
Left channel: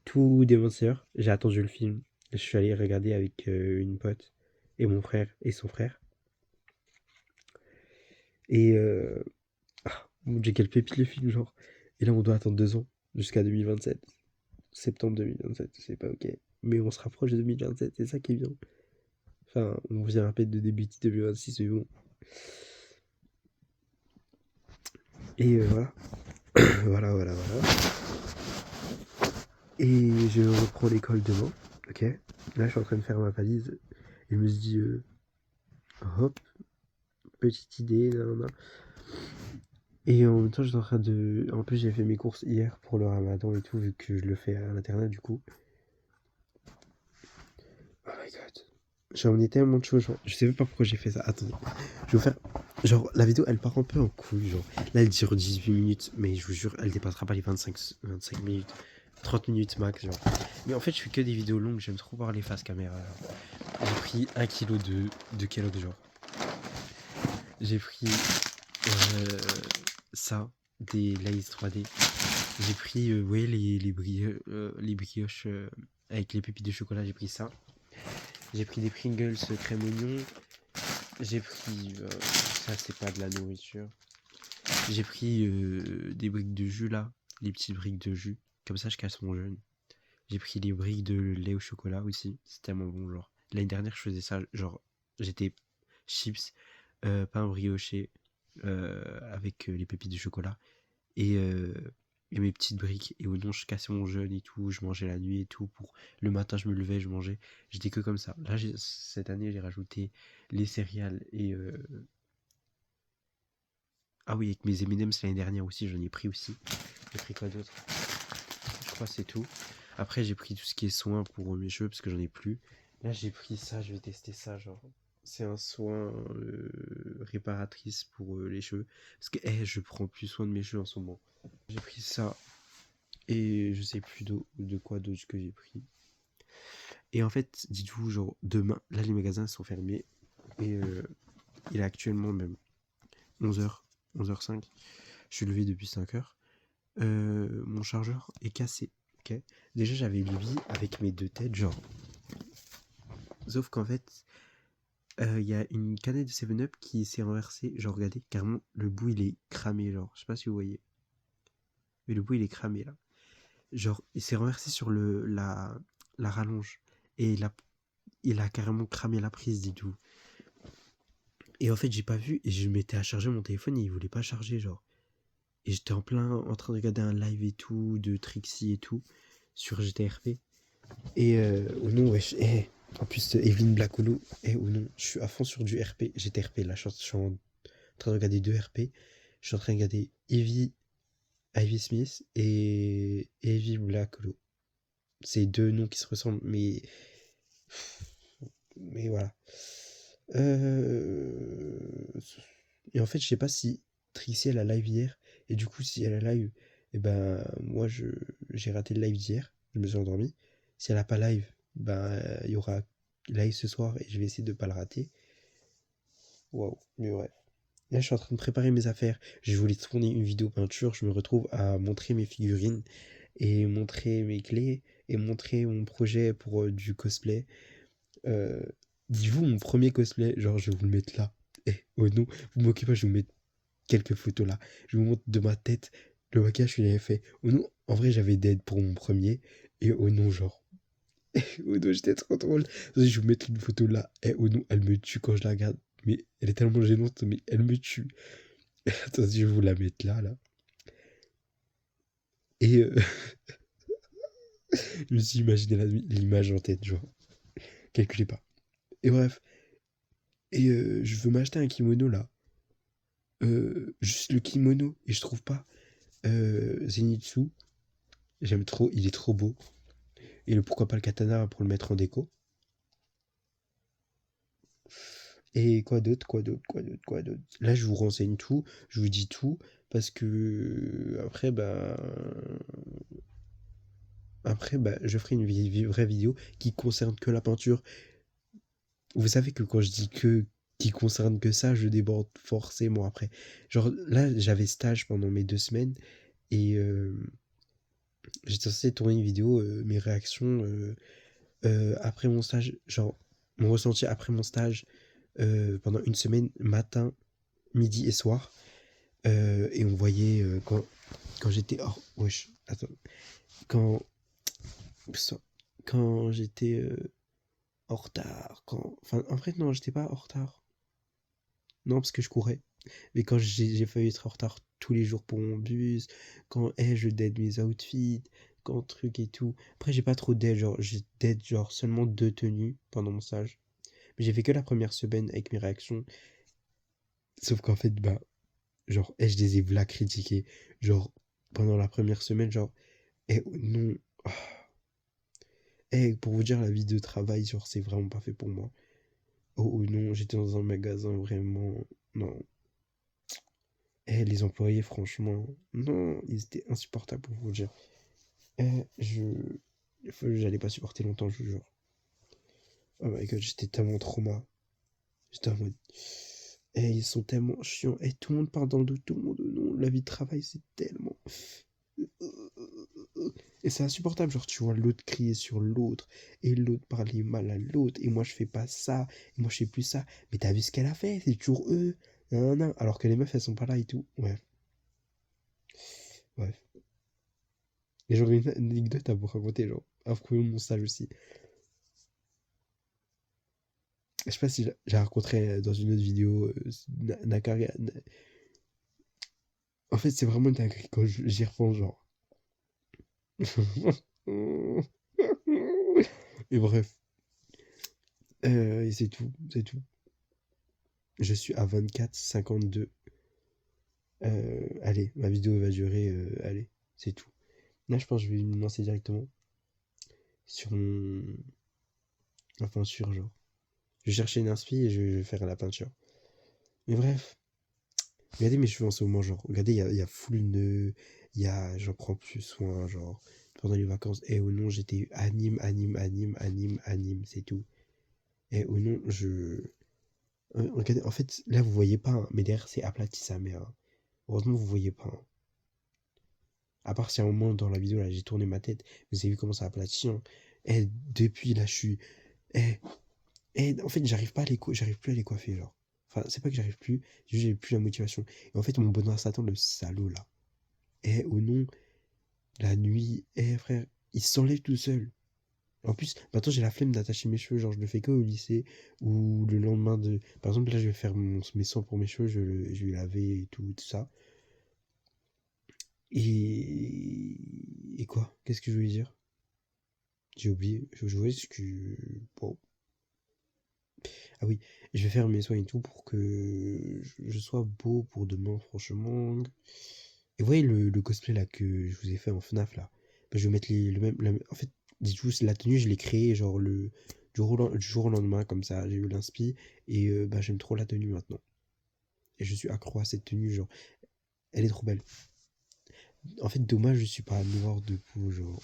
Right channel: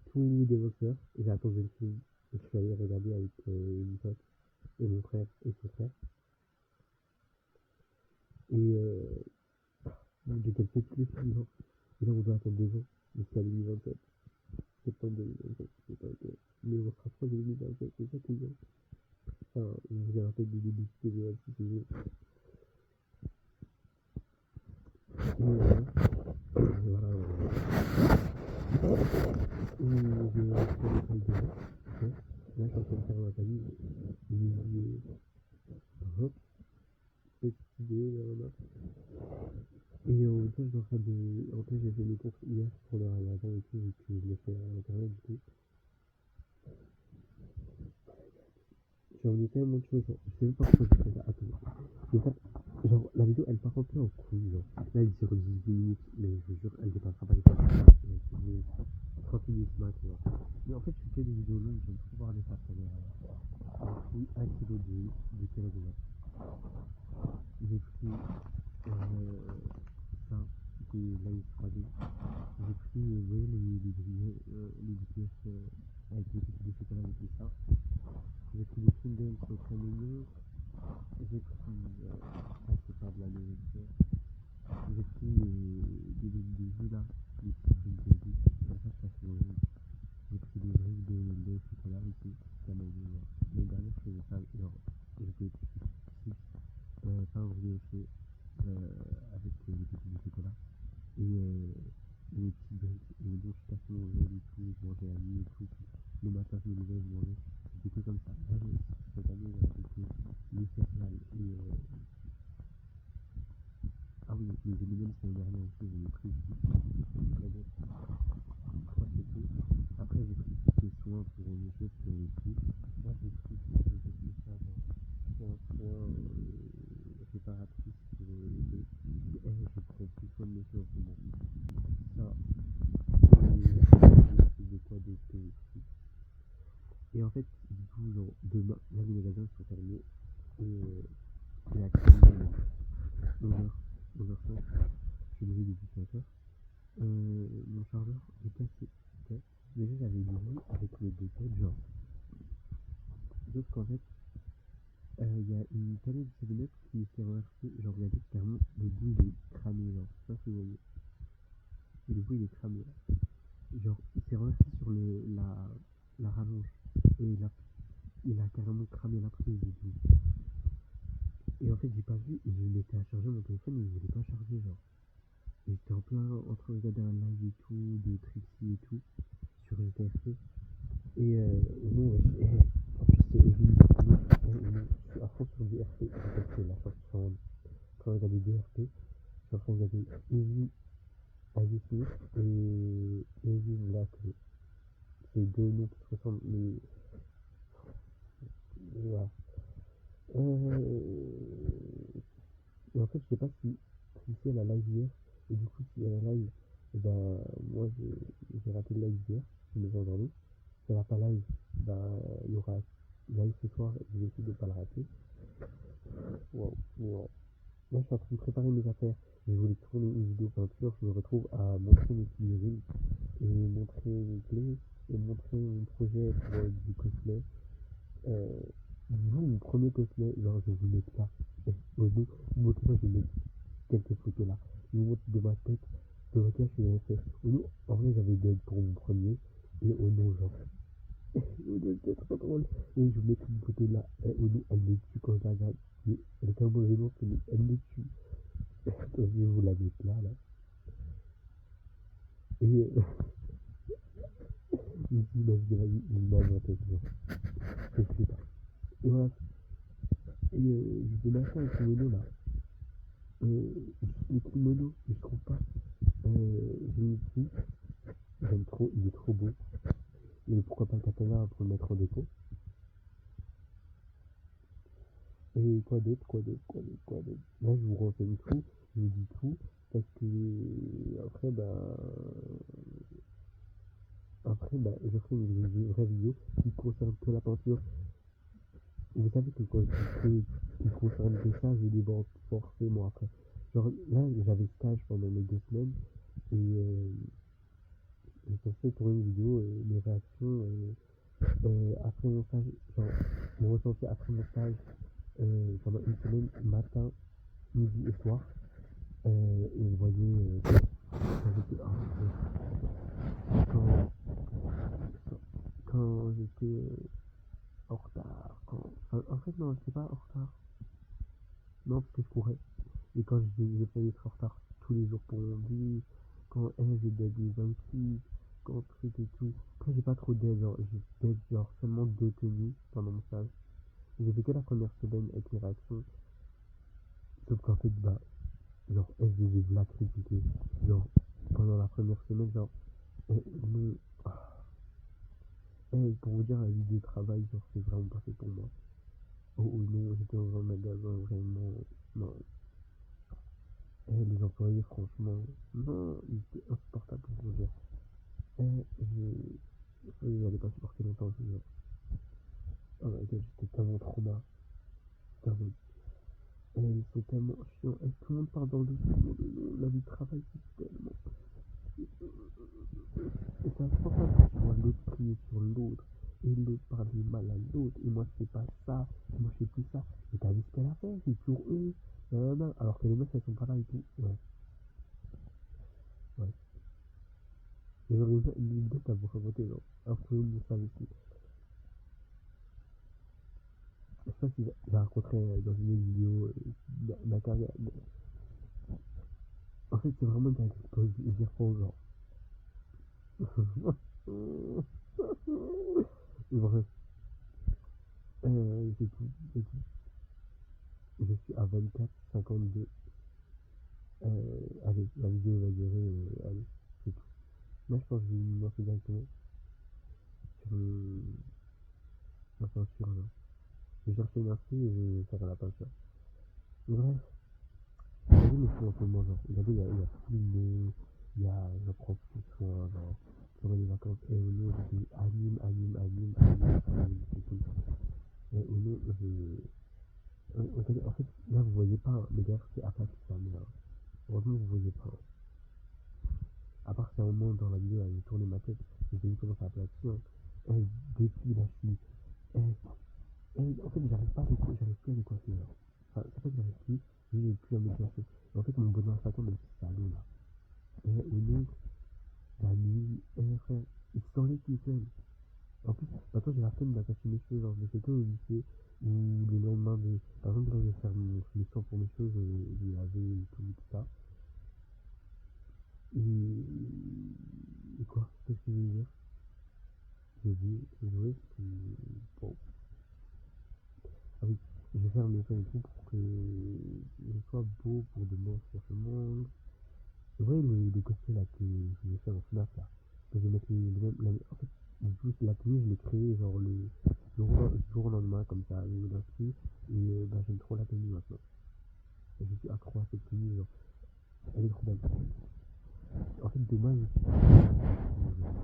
tout Demon Slayer. J'ai attendu le film. Je suis allé regarder avec une pote et mon frère et son frère. Et mon Dieu, quel pépite le film, genre. Et là, on doit attendre 2 ans jusqu'à 2027. Septembre 2027, c'est pas ok. Mais on se rapproche de 2027, c'est ça qui est bien. Enfin, on vient à peine de débuter 2026, mais bon. Et voilà. Voilà. Et je reprends l'école demain, ok. Là, je suis en train de faire ma valise. Et je me dis, hop, petite idée, nanana. Et en même temps, je suis en train de. En plus, j'ai fait mes courses hier pour le ramadan et tout, vu que je le fais à l'internat du coup. Oh my god. J'ai emmené tellement de choses, genre. Je sais même pas pourquoi j'ai fait ça. Attendez. Je vais vous faire. Genre, la vidéo elle part un peu en couille, genre. Là, elle dure 18 minutes, mais je vous jure, elle dépassera pas les 25 minutes. 30 minutes max, genre. Mais en fait, je fais que des vidéos longues, j'aime trop voir les faces caméra. J'ai pris 1 kg de Kellogg, genre. J'ai pris ça, des Lay's 3D. J'ai pris, ouais, les brioches avec les pépites de chocolat, j'ai pris ça. J'ai pris des Pringles crème oignon. J'ai pris, ça c'est pas de la nourriture. J'ai pris des briques de jus là, les petites briques de jus. Comme ça je casse mon jeûne. J'ai pris les briques de lait au chocolat aussi. C'est tellement bon, genre. L'année dernière je faisais ça, genre j'étais chips, pain brioché avec les pépites de chocolat et, euh, et mes petites briques. Et au non, je cassais mon jeûne et tout. Je mangeais la nuit et tout. Pour le matin, je me levais, je mangeais. J'étais que comme ça. Là, cette année, j'ai rajouté les céréales et. Ah oui, avec mes M&M's l'année dernière aussi, j'en ai pris aussi. J'ai pris quoi d'autre? Je crois que c'est tout. Après, j'ai pris tout ce qui est soin pour mes cheveux parce que j'en ai plus. Là, j'ai pris ça, je vais tester ça. Genre, c'est un soin réparatrice pour les cheveux. Parce que je prends plus soin de mes cheveux en ce moment. J'ai pris ça et je sais plus de quoi d'autre que j'ai pris. Et en fait, dites-vous, genre, demain, là, les magasins sont fermés. Et il est actuellement même 11h, 11h05. Je suis levé depuis 5h. Mon chargeur est cassé. Ok. Déjà, j'avais lui avec mes 2 têtes, genre. Sauf qu'en fait, il y a une canette de 7-Up qui s'est renversée. Genre, regardez, carrément, le bout il est cramé. Genre, je sais pas si vous voyez. Mais le bout il est cramé là. Genre, il s'est renversé sur la rallonge. Et il a carrément cramé la prise, dites-vous. Et en fait, j'ai pas vu. Et je m'étais à charger mon téléphone et il voulait pas charger, genre. Et j'étais en train de regarder un live et tout, de Trixie et tout, sur GTRP. Et oh non, wesh, en plus, Evelyn Blackolo, oh non, je suis à fond sur du RP, GTRP, là, je suis en train de regarder 2 RP. Je suis en train de regarder Ivy Smith et Evie Blackolo. C'est 2 noms qui se ressemblent, mais voilà. Et en fait, je sais pas si Trixie elle a live hier. Et du coup, si elle a live, et ben moi j'ai raté le live d'hier. Je me suis endormi. Si elle a pas live, ben il y aura live ce soir et je vais essayer de pas le rater. Waouh, mais ouais. Là, je suis en train de préparer mes affaires. Je voulais tourner une vidéo peinture. Je me retrouve à montrer mes figurines et montrer mes clés et montrer mon projet pour du cosplay. Euh, Dites-vous mon premier cosplay, genre je vais vous le mettre là. Oh non, vous moquez pas, je vais vous mettre quelques photos là. Je vous montre de ma tête le maquillage que j'avais fait. Oh non, en vrai j'avais d'aide pour mon premier. Et oh non, genre. Oh non, j'étais trop drôle. Je vais vous mettre une photo là. Et oh non, elle me tue quand je la regarde. Mais elle est tellement gênante, mais elle me tue. Attends, je vais vous la mettre là, là. Et je me suis imaginé l'image en tête, genre. Calculez pas. Et bref. Et je veux m'acheter un kimono là. Juste le kimono. Et je trouve pas. Zenitsu. J'aime trop, il est trop beau. Et pourquoi pas le katana pour le mettre en déco. Et quoi d'autre. Là, je vous renseigne tout, je vous dis tout, parce que après, bah, après, bah, je ferai une vraie vidéo qui concerne que la peinture. Vous savez que quand je dis que qui concerne que ça, je déborde forcément après. Genre là, j'avais stage pendant mes 2 semaines et j'étais censé tourner une vidéo, mes réactions après mon stage, genre mon ressenti après mon stage pendant une semaine, matin, midi et soir. Et on voyait quand j'étais. Oh, wesh, attends. Quand, quand j'étais en retard. Enfin, en fait, non, j'étais pas en retard. Non, parce que je courais. Mais quand j'ai failli être en retard tous les jours pour mon bus, quand je dead mes outfits, quand truc et tout. Après, j'ai pas trop dead, genre, j'ai dead, genre, seulement 2 tenues pendant mon stage. Mais j'ai fait que la première semaine avec mes réactions. Sauf qu'en fait, bah, genre, je les ai v'là critiqués. Genre, pendant la première semaine, genre, non. Ah. Pour vous dire, la vie de travail, genre, c'est vraiment pas fait pour moi. Oh non, j'étais dans un magasin vraiment. Non. Les employés, franchement, non, ils étaient insupportables pour vous dire. Eh, je. J'allais pas supporter longtemps, je vous jure. Oh my god, j'étais tellement trauma. J'étais en mode. Ils sont tellement chiants. Tout le monde parle dans le dos, tout le monde. Non, la vie de travail, c'est tellement. Et c'est insupportable, genre tu vois l'autre crier sur l'autre, et l'autre parler mal à l'autre, et moi je fais pas ça, et moi je fais plus ça. Mais t'as vu ce qu'elle a fait, c'est toujours eux. Non, non. Alors que les meufs elles sont pas là et tout. Ouais, bref. Et j'aurais une anecdote à vous raconter, genre, à propos de mon stage aussi. Je sais pas si j'ai raconté dans une autre vidéo. Nakari. En fait, c'est vraiment une dinguerie quand j'y repense, genre. Et bref. Et c'est tout, c'est tout. Je suis à 24,52. Allez, ma vidéo va durer. Allez, c'est tout. Là, je pense que je vais me lancer directement sur mon. Enfin, sur genre. Je vais chercher une inspi et je vais faire la peinture. Mais bref, regardez mes cheveux en ce moment, genre. Regardez, il y a full nœud. J'en prends plus soin, genre. Pendant les vacances. Et au non, j'étais anime, anime, anime, anime, anime, c'est tout. Et au non, regardez, en fait, là, vous voyez pas, hein, mais derrière, c'est aplati sa mère. Heureusement, vous voyez pas, hein. À part si à un moment dans la vidéo, là, j'ai tourné ma tête, vous avez vu comment ça aplatit, hein. Depuis, là, je suis. Eh, en fait, j'arrive plus à les coiffer, genre. Enfin, c'est pas que j'arrive plus, j'ai plus la motivation. Et en fait, mon bonheur Satan, le salaud, là. Au nom, la nuit, frère, il s'enlève tout seul. En plus, maintenant, j'ai la flemme d'attacher mes cheveux, genre, je le fais que au lycée, ou le lendemain de. Par exemple, là, je vais faire mes soins pour mes cheveux, je vais laver et tout, tout ça. Et quoi? Qu'est-ce que je voulais dire? J'ai oublié. Je voulais ce que. Bon. Ah oui, je vais faire mes soins et tout pour que je sois beau pour demain, franchement. Et vous voyez le cosplay là que je vous ai fait en FNAF là. Bah, je vais mettre le même. En fait, dites-vous, la tenue, je l'ai créée genre du jour au lendemain, comme ça. J'ai eu l'inspi. Et bah, j'aime trop la tenue maintenant. Et je suis accro à cette tenue, genre. Elle est trop belle. En fait, dommage, je suis pas mort de coup, genre.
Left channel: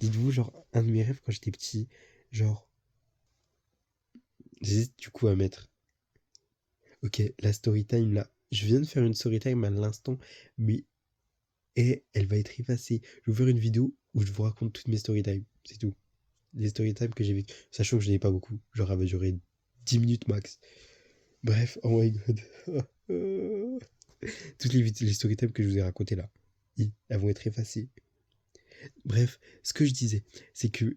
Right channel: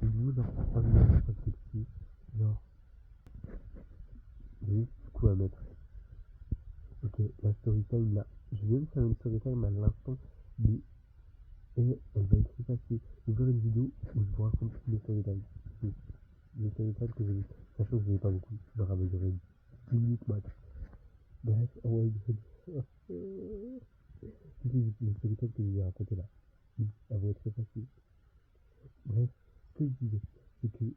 Dites-vous, genre, un de mes rêves quand j'étais petit, genre. J'hésite du coup à mettre. Ok, la story time là. Je viens de faire une story time à l'instant, mais elle va être effacée. Je vais vous faire une vidéo où je vous raconte toutes mes story time. C'est tout. Les story time que j'ai vécues. Sachant que je n'ai pas beaucoup. Genre, elle va durer 10 minutes max. Bref, oh my god. Toutes les story time que je vous ai racontées là, elles vont être effacées. Bref, ce que je disais, c'est que,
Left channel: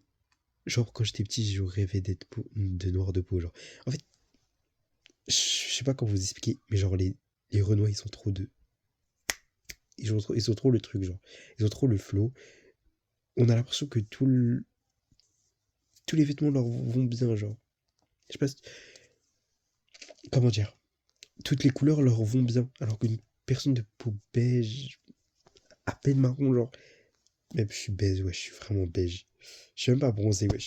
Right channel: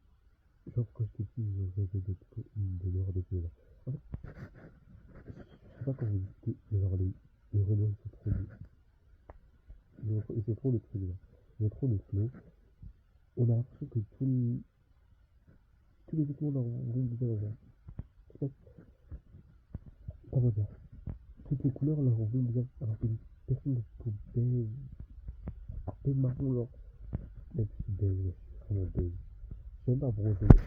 genre, quand j'étais petit, je rêvais d'être de noir de peau. Genre, en fait, je sais pas comment vous expliquer, mais genre, les Renois, ils sont trop deux. Ils sont trop le truc, genre. Ils ont trop le flow. On a l'impression que tous les vêtements leur vont bien, genre. Je sais pas. Comment dire. Toutes les couleurs leur vont bien. Alors qu'une personne de peau beige, à peine marron, genre. Même je suis beige, ouais, je suis vraiment beige. Je suis même pas bronzé, ouais.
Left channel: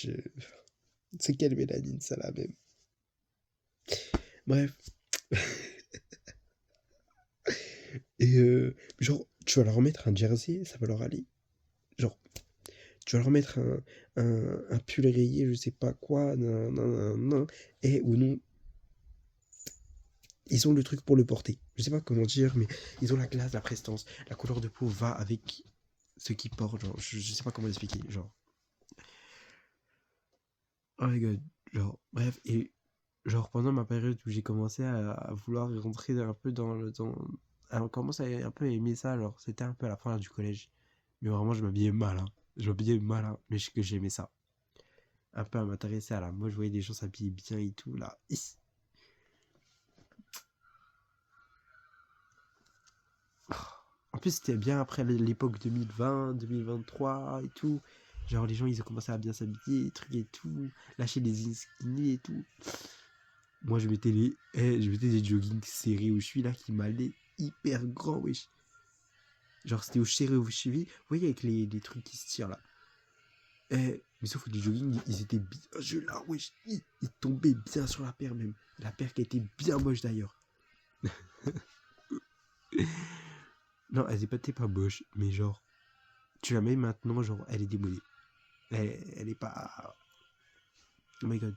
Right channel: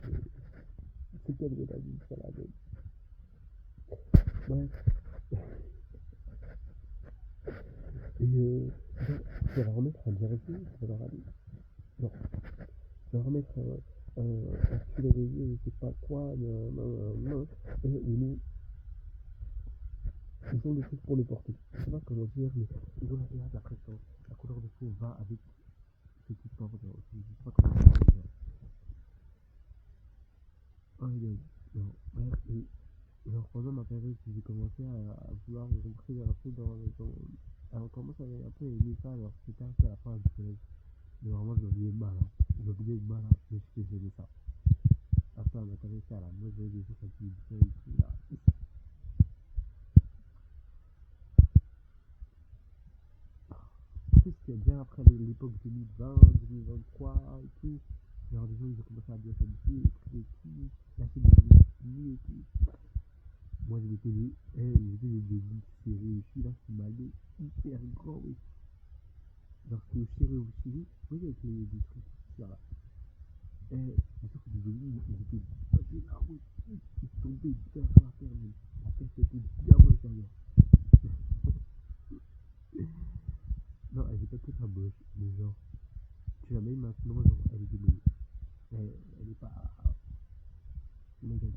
C'est quelle mélanine, ça là même. Bref. Et genre, tu vas leur remettre un jersey, ça va leur aller. Genre, tu vas leur mettre un pull rayé, je sais pas quoi, et ou non, ils ont le truc pour le porter. Je sais pas comment dire, mais ils ont la classe, la prestance, la couleur de peau va avec ce qu'ils portent, genre, je sais pas comment expliquer, genre. Oh my god, genre, bref, et genre pendant ma période où j'ai commencé à vouloir rentrer un peu on commence à un peu aimer ça, alors c'était un peu à la fin du collège. Mais vraiment, je m'habillais mal, hein. Je m'habillais mal, hein, mais que j'aimais ça. Un peu à m'intéresser à la mode, je voyais des gens s'habiller bien et tout, là. En plus, c'était bien après l'époque 2020, 2023 et tout. Genre, les gens, ils ont commencé à bien s'habiller, des trucs et tout. Lâcher des skinny et tout. Moi, je mettais des joggings serrés où je suis là qui m'allaient hyper grand, wesh. Genre, c'était au serré aux chevilles. Vous voyez, avec les trucs qui se tirent là. Mais sauf que les joggings, ils étaient bien. Je là, wesh. Ils tombaient bien sur la paire, même. La paire qui était bien moche d'ailleurs. Non, elle était pas moche, mais genre, tu la mets maintenant, genre, elle est démodée. Elle est pas. Oh my god.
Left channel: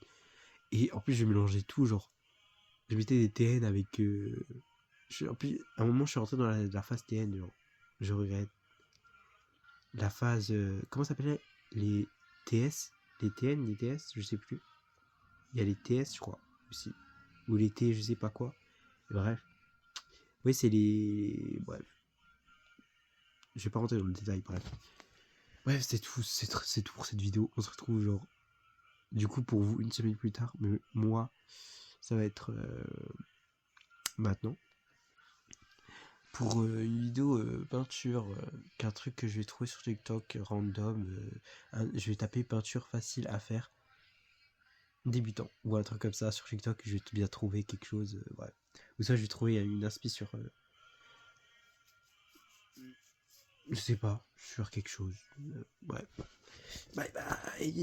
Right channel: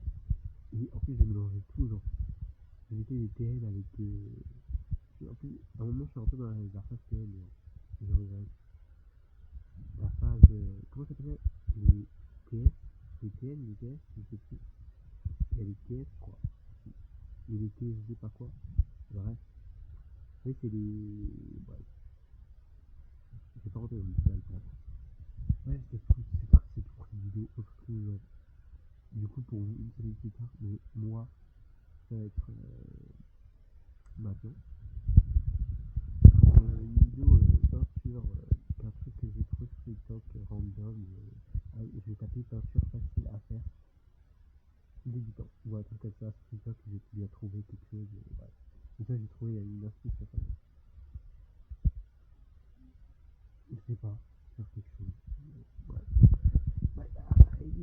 Et en plus, je mélangeais tout, genre. Je mettais des TN avec. En plus, à un moment, je suis rentré dans la phase TN, genre. Je regrette. La phase. Comment ça s'appelait? Les TS? Les TN, les TS, je sais plus. Il y a les TS, je crois, aussi. Ou les T, je sais pas quoi. Et bref. Oui, c'est les. Bref. Je vais pas rentrer dans le détail, bref. Bref, c'est tout. C'est tout pour cette vidéo. On se retrouve, genre. Du coup, pour vous, une semaine plus tard. Mais moi, ça va être. Maintenant. Pour une vidéo peinture, qu'un truc que je vais trouver sur TikTok random. Je vais taper peinture facile à faire débutant ou un truc comme ça sur TikTok. Je vais bien trouver quelque chose. Ouais. Ou ça, je vais trouver une inspi sur. Je sais pas, sur quelque chose. Ouais. Bye bye.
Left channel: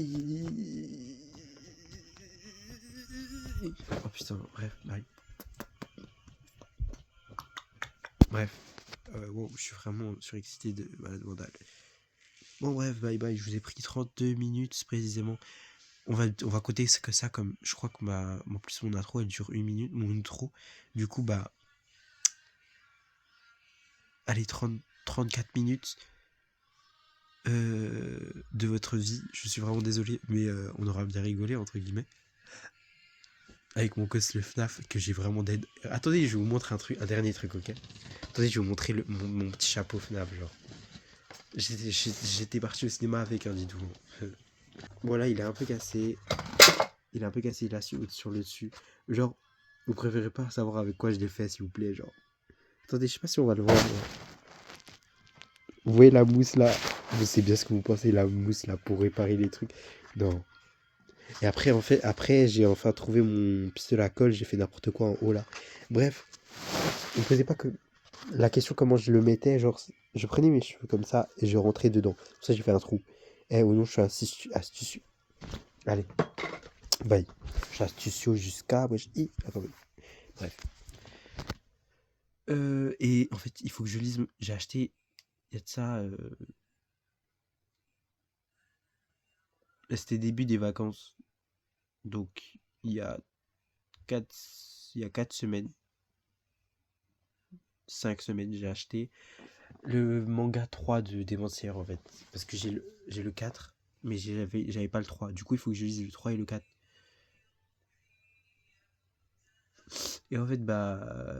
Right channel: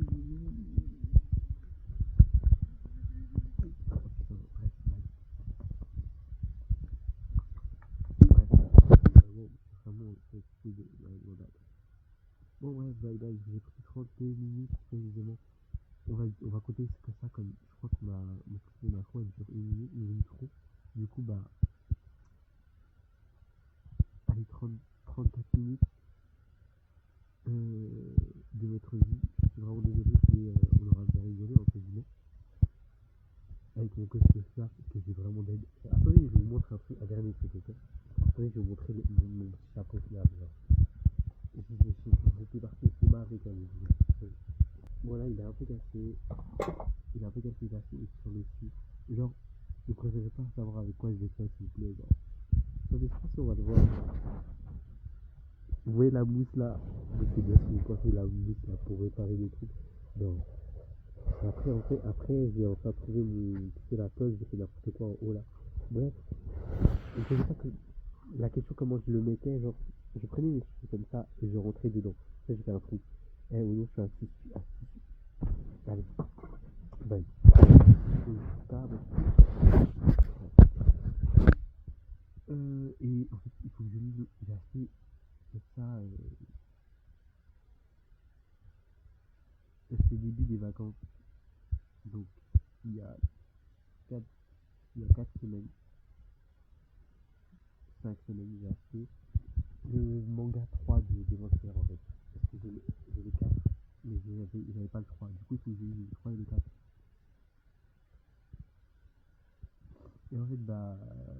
Oh putain, bref, bye. Bref. Wow, je suis vraiment surexcité de malade mentale. Bon bref, bye bye, je vous ai pris 32 minutes précisément. On va coter que ça comme. Je crois que en plus mon intro elle dure 1 minute, mon intro. Du coup, bah. Allez, 34 minutes de votre vie. Je suis vraiment désolé, mais on aura bien rigolé, entre guillemets. Avec mon cos le FNAF, que j'ai vraiment dead. Attendez, je vais vous montrer un dernier truc, ok? Attendez, je vais vous montrer mon petit chapeau FNAF, genre. J'étais parti au cinéma avec un didou. Voilà, il est un peu cassé. Il est un peu cassé là sur le dessus. Genre, vous préférez pas savoir avec quoi je l'ai fait, s'il vous plaît, genre. Attendez, je sais pas si on va le voir. Vous voyez la mousse là? Je sais bien ce que vous pensez, la mousse là pour réparer les trucs. Non. Et après, en fait, après, j'ai enfin trouvé mon pistolet à colle, j'ai fait n'importe quoi en haut là. Bref, ne me posez pas que la question comment je le mettais, genre, je prenais mes cheveux comme ça et je rentrais dedans. Pour ça, j'ai fait un trou. Ou non, je suis astucieux. Allez, bye. Je suis astucieux jusqu'à. Bref. Et en fait, il faut que je lise. J'ai acheté. Il y a de ça. C'était début des vacances. Donc, il y a 4, il y a 4 semaines. 5 semaines, j'ai acheté le manga 3 de Démentière en fait. Parce que j'ai le 4, mais j'avais pas le 3. Du coup, il faut que je lise le 3 et le 4. Et en fait, bah,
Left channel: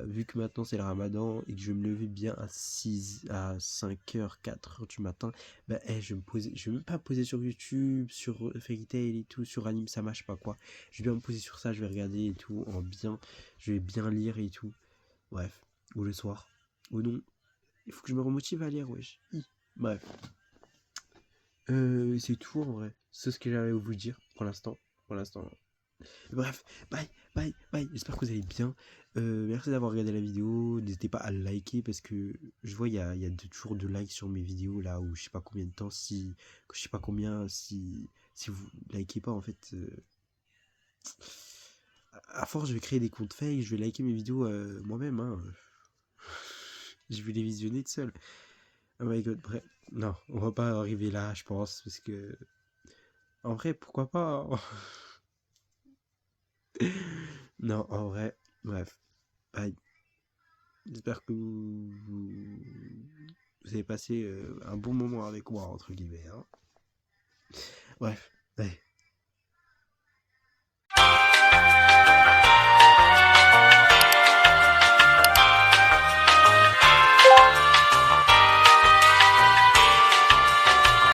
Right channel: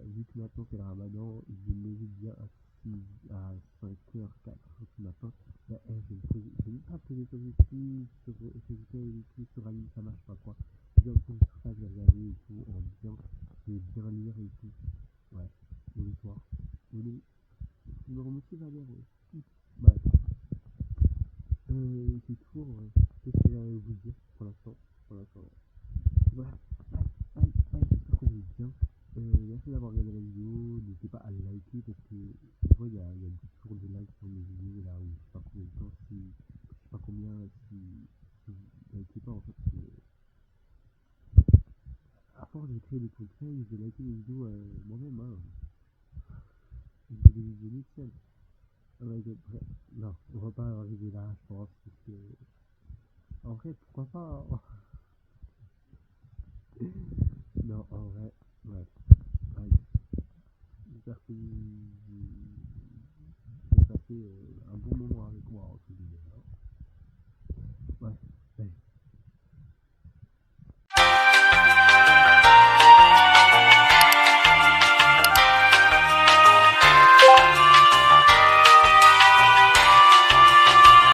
vu que maintenant c'est le ramadan et que je vais me lever bien à 5h, 4h du matin, bah, je vais même pas me poser sur YouTube, sur Fairy Tail et tout, sur Anime Sama, je sais pas quoi. Je vais bien me poser sur ça, je vais regarder et tout, je vais bien lire et tout. Bref, ou le soir. Ou non, il faut que je me remotive à lire, wesh. Bref. C'est tout en vrai. C'est ce que j'avais à vous dire pour l'instant. Pour l'instant. Bref, bye, bye, bye. J'espère que vous allez bien. Merci d'avoir regardé la vidéo. N'hésitez pas à liker parce que je vois il y a toujours de likes sur mes vidéos là où je sais pas combien de temps je sais pas combien si vous likez pas en fait. À force je vais créer des comptes fake, je vais liker mes vidéos moi-même. Hein. Je vais les visionner tout seul. Oh my god, bref. Non, on va pas arriver là, je pense, parce que. En vrai, pourquoi pas, hein. Non, en vrai, bref. Bye. J'espère que vous avez passé un bon moment avec moi, entre guillemets, hein. Bref, allez.